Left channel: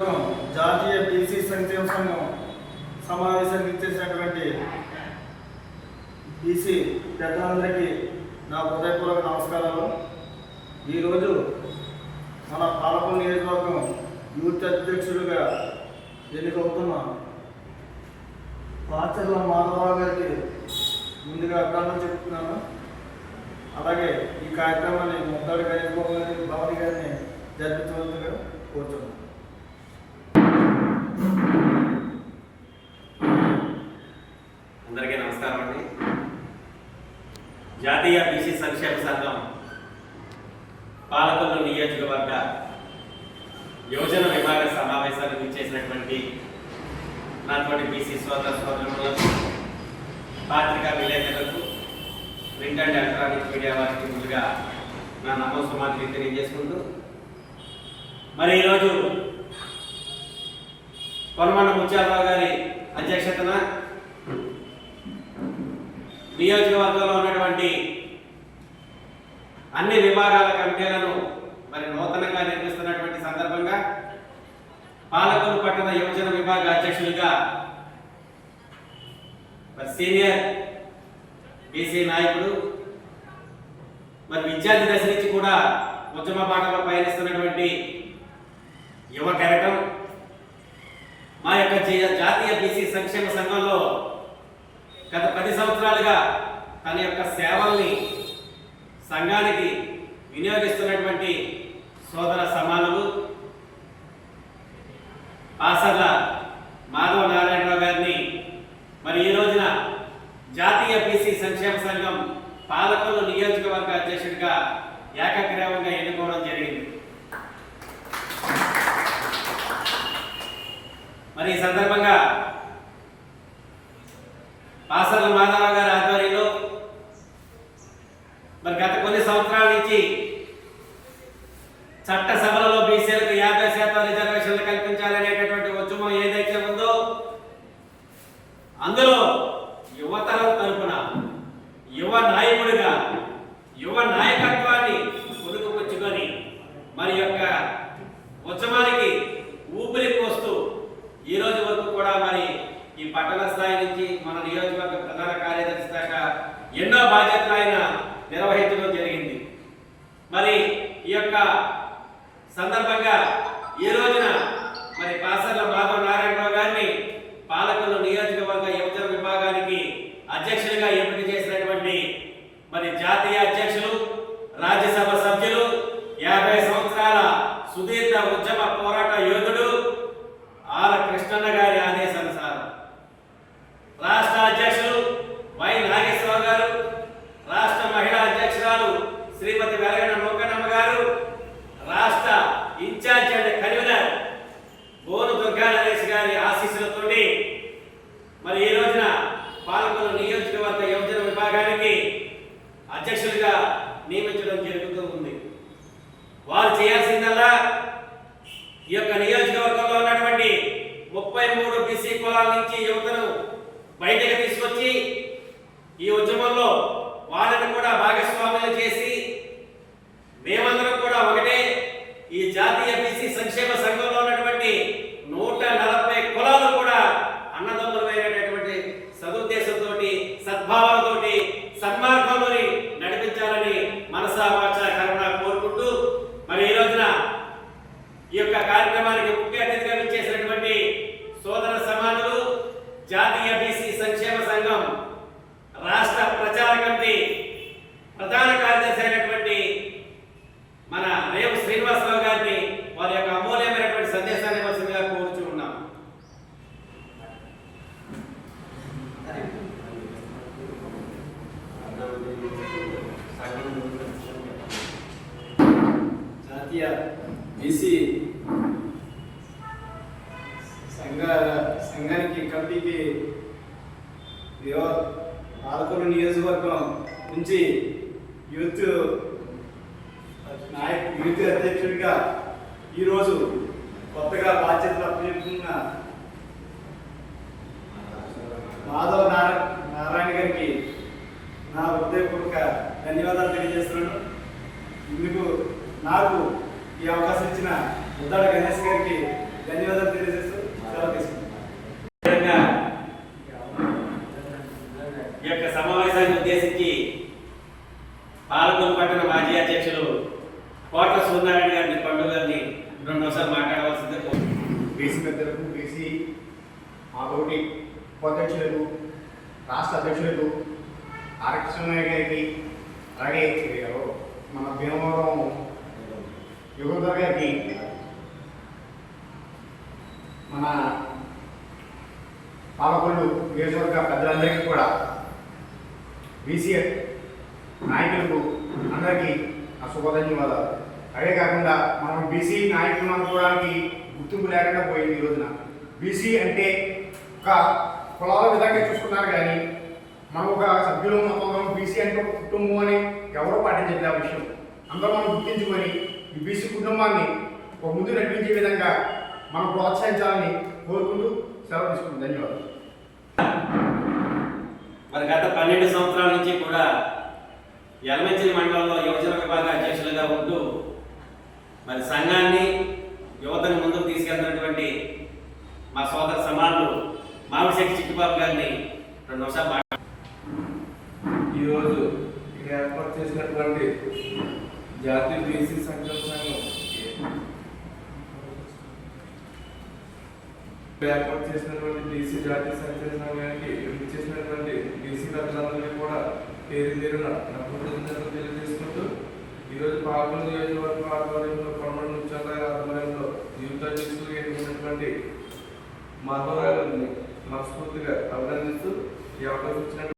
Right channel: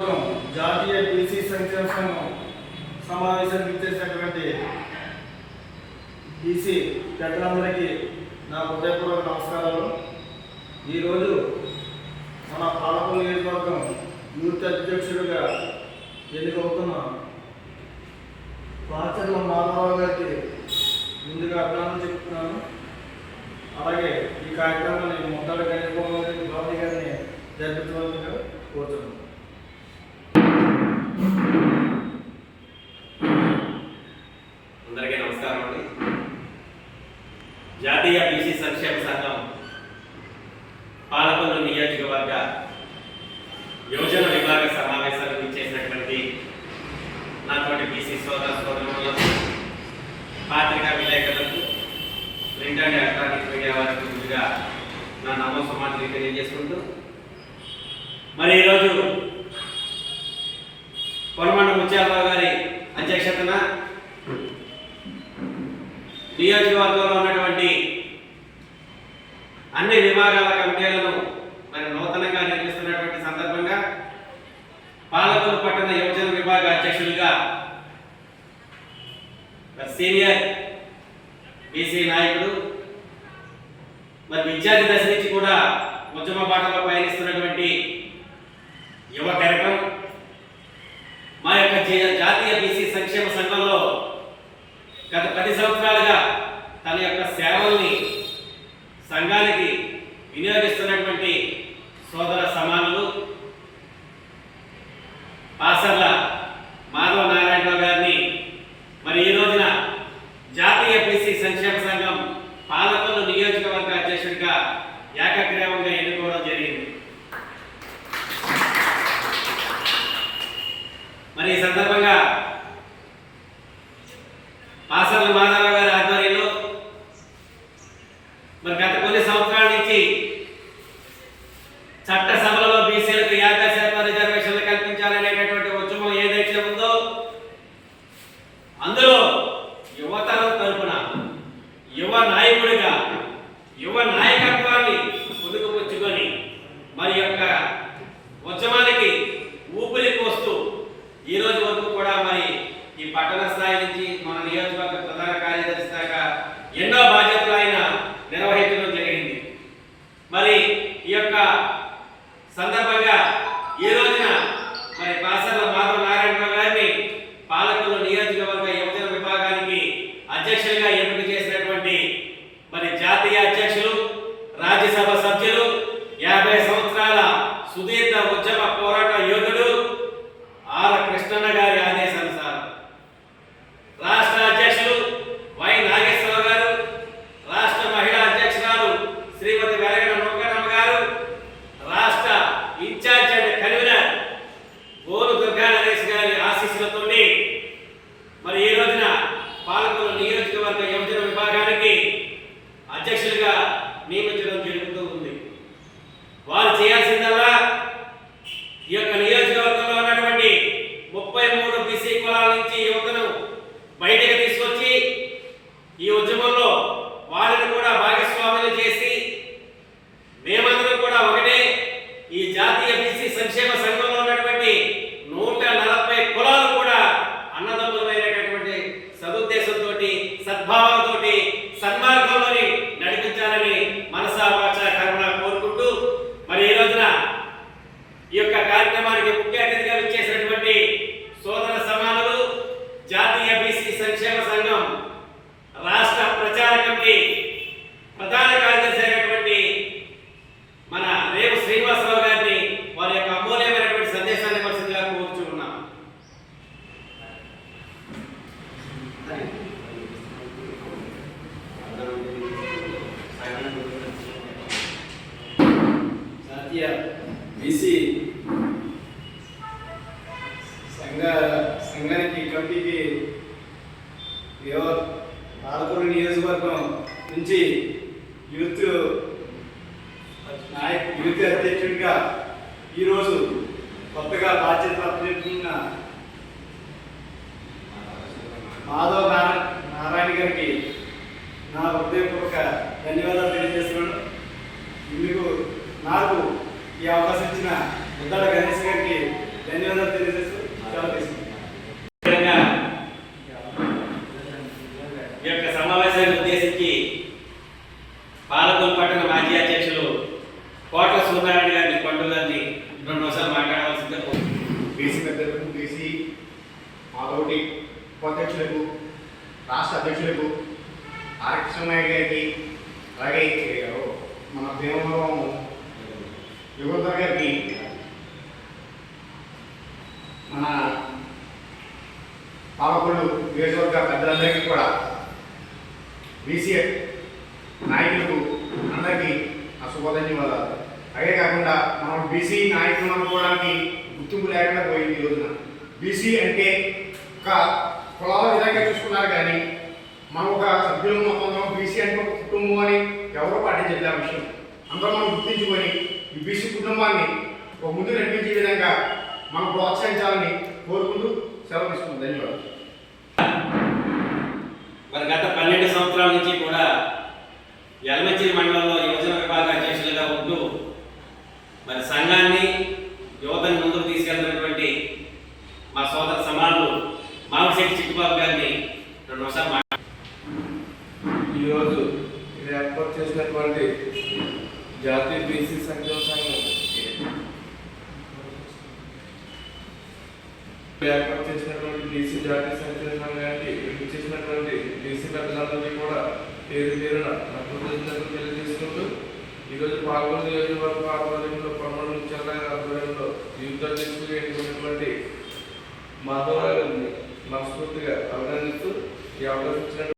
జాతీయ బీసీ సంక్షేమ సంఘం సమావేశానికి ఇచ్చేసినటువంటి బీసీ పెద్దలందరికీ నా హృదయపూర్వక నమస్కారాలు. ఈరోజు మన పాలకొల్లు నియోజకవర్గం యూత్ అధ్యక్షుడిగా ఎన్నికవుతున్న పాచర్ల మాధవరావు గారికి ముందుగా అభినందనలు చెప్తున్నాను. అలాగే ఈ కార్యక్రమాన్ని ముద్దాడు గణేష్ బాబు గారిని జరిపించవలసిందిగా కోరుతున్నాను. అందరికీ నమస్కారం అండి. జాతీయ బీసీ సంక్షేమ సంఘం పాలకొల్లు నియోజకవర్గ యోజన విభాగ సమావేశానికి ఇచ్చేసినటువంటి నాతోటి బీసీ సోదరులకు, పత్రికా విలేకరులకు, ప్రింట్ అండ్ ఎలక్ట్రానిక్ మీడియా వారికి ముందుగా నా నమస్కారాలు తెలియజేసుకుంటూ, మరి ఈరోజు కొనమండ ముత్యాలరావు గారి అధ్యక్షతన నియోజకవర్గంలో ఉన్నటువంటి అన్ని విభాగాల కమిటీలను మరి నూతనంగా నిర్మిస్తున్నటువంటి సందర్భంగా పాలకొల్లు పట్టణ యువజన విభాగ అధ్యక్షులుగా సీనియర్ బీసీ నాయకుడు, మరి విద్యార్థి దశ నుంచి కూడా ఉద్యమ బాటలో పయనిస్తున్నటువంటి యువ కెరటం మా యొక్క జాతీయ బీసీ సంక్షేమ సంఘంలో గత 10 సంవత్సరాలుగా తన యొక్క సేవల్ని సంఘానికి వినియోగిస్తున్నటువంటి సోదర సమానులు పాసర్ల మాధవ నారాయణరావు గారిని మరి ఈ రోజున జాతీయ బీసీ సంక్షేమ సంఘం పాలకొల్లు నియోజకవర్గ అధ్యక్షుడిగా ఏకగ్రీవంగా ఎన్నుకోవడం జరిగింది. మరి ఈ సందర్భంగా పాసర్ల మాధవ గారి ఆధ్వర్యంలో మరి గత కొన్ని సంవత్సరాల నుంచి చట్టసభలలో బీసీలకు 50% రిజర్వేషన్లు కల్పించాలనేటటువంటి ఉద్యమం ఏదైతే ఉందో అందులో యువతరం తరపున యువ నాయకుడిగా యువ నాయకత్వాన్ని పొందుకుపుచ్చుకొని మరి యొక్క ఉద్యమానికి ఊపిరి పోస్తూ ఈ రోజు వరకు కూడా మరి ఈ పట్టణ స్థాయి నుంచి మన నియోజకవర్గ ప్రధాన కార్యదర్శి దాకా ఎన్నో బాధ్యతలు ఆయన నిర్వహించడం జరిగింది. మరి ఈ యొక్క సందర్భంగా ఈ రోజున మరి పాసర్ల మాధవ నారాయణరావు గారిని పాలకొల్లు నియోజకవర్గ యువజన విభాగానికి అధ్యక్షుడిగా ఎంపిక చేసినటువంటి మరి జాతీయ అధ్యక్షులు, రాజ్యసభ సభ్యులు, 50 సంవత్సరాల సుదీర్ఘ ఉద్యమ పోరాట యోధుడు ఆర్ కృష్ణన్న గారి ఆదేశానుసారం రాష్ట్ర అధ్యక్షులు వై నాగేశ్వరరావు గారు, రాష్ట్ర మహిళా అధ్యక్షురాలు శ్రీమతి వెలగన నౌకనమ్మ గారు, రాష్ట్ర ఇన్ఛార్జ్ అండ్ కన్వీనర్ గోను దుర్గా నరేష్ గారి ఆశీస్సులతో మరి ఈ రోజున పాలకొల్లు నియోజకవర్గ యువజన విభాగానికి అధ్యక్షులుగా నియమించడం జరుగుతూ ఉంది. వారు చేయాల్సిందల్లా ఈ యొక్క నియోజకవర్గంలో ఉన్నటువంటి 33 బీసీ కులాల నుంచి యువతను బయటకు తీసుకొచ్చి ఈ ఉద్యమంలో వాళ్ళని కూడా భాగస్వాములు చేసి మేమందరం కూడా ఒకటే ఈ జాతీయ బీసీ సంక్షేమ సంఘంలో ఉన్నటువంటి 140 కులాలు కూడా అన్నదమ్ములమైనటువంటి సదుద్దేశంతో సద్భావంతో సన్మార్గంలోని నడిపించాలని మనసా వాచా కర్మణ కోరుకుంటూ మరి ఈ రోజున ఈ యొక్క కార్యక్రమానికి ముఖ్య అతిథిగా విచ్చేసినటువంటి సోదర సమానులు జాతీయ బీసీ సంక్షేమ సంఘం రాష్ట్ర ప్రచార కమిటీ ప్రధాన కార్యదర్శి అయినటువంటి మన రేవు శ్రీనివాసరావు గారిని వారి యొక్క అమూల్యమైనటువంటి సందేశాన్ని వలసిందిగా కోరుచూ ఉన్నాం. జాతీయ బీసీ సంఘానికి కమిటీకి పాలకొల్లు నియోజకవర్గం నుంచి యూత్ అధ్యక్షుడిగా ఈరోజు కొత్తగా బాధ్యతలు అప్పచెప్తున్న మాధవ నారాయణ గారికి నా హృదయపూర్వక ధన్యవాదాలు తెలియజేస్తున్నాను. ఇందుకు నాకు ఈ అవకాశం ఇచ్చిన ముద్దాడ గణేష్ గారికి ధన్యవాదాలు. బీసీ పెద్దలకు, బీసీ మాతోటి ఉపాధ్యక్షులకు, రాష్ట్ర అధ్యక్షులకు, ఆర్ కృష్ణనాయక్ గారికి, అలాగే మన భీమవరం యుగంధర్ గారికి, మన పాలకొల్లు నియోజకవర్గ పెద్దలందరికీ కూడా, బీసీ నాయకులకు అందరికీ నా శుభధన్యవాదాలు. అదే కాకుండా మనం బీసీ నాయకులు అనుకోవడానికి గుర్తింపు లేకుండా పోయింది ఈ రోజున. బీసీ అంటే ఒక కులాల విధంగా చూసుకున్నారు, కానీ మనం ఒక సభ్యులు మొత్తం బీసీ అంటే ఒక కుటుంబం అని ఎవరో పాటించలేదు. ఆ విషయం అందరూ మనం గుర్తించుకొని ఈ బీసీ కుటుంబాన్ని ఒక ముందు నడిపించే విధంగా మనం ప్రోత్సహించాలని కోరుకుంటూ సెలవు తీసుకుంటాం. ధన్యవాదాలు. మరి గత 12 సంవత్సరాల నుంచి కూడా యలమంచిలి మండలంలో యువజన విభాగ అధ్యక్షులుగా ఉంటూ మరి సంఘాన్ని యువతను ముందుకు తీసుకెళ్తున్నటువంటి మా సోదర సమానులు మామిడిశెట్టి చిట్టుబాబు గారిని 2 నిమిషాలు ఈరోజు ఇక్కడ ఏర్పాటు చేసినటువంటి జాతీయ బీసీ సంక్షేమ సంఘం ఏర్పాటు చేసినటువంటి బీసీ జాతీయ సంక్షేమ సంఘానికి చేసినటువంటి బీసీ పెద్దలందరినీ కూడా పేరు పేరున కృతజ్ఞతలు తెలియజేసుకుంటూ ఈరోజు పాల్గొన్న నియోజకవర్గ ఆధ్వర్యంలో పమ్మడి ముత్యాల ఆధ్వర్యంలో యూత్ అధ్యక్షులు ఎన్నుకున్నటువంటి మాధవరావు గారిని మనస్ఫూర్తిగా అభినందిస్తూ ఈ అవకాశం ఇచ్చిన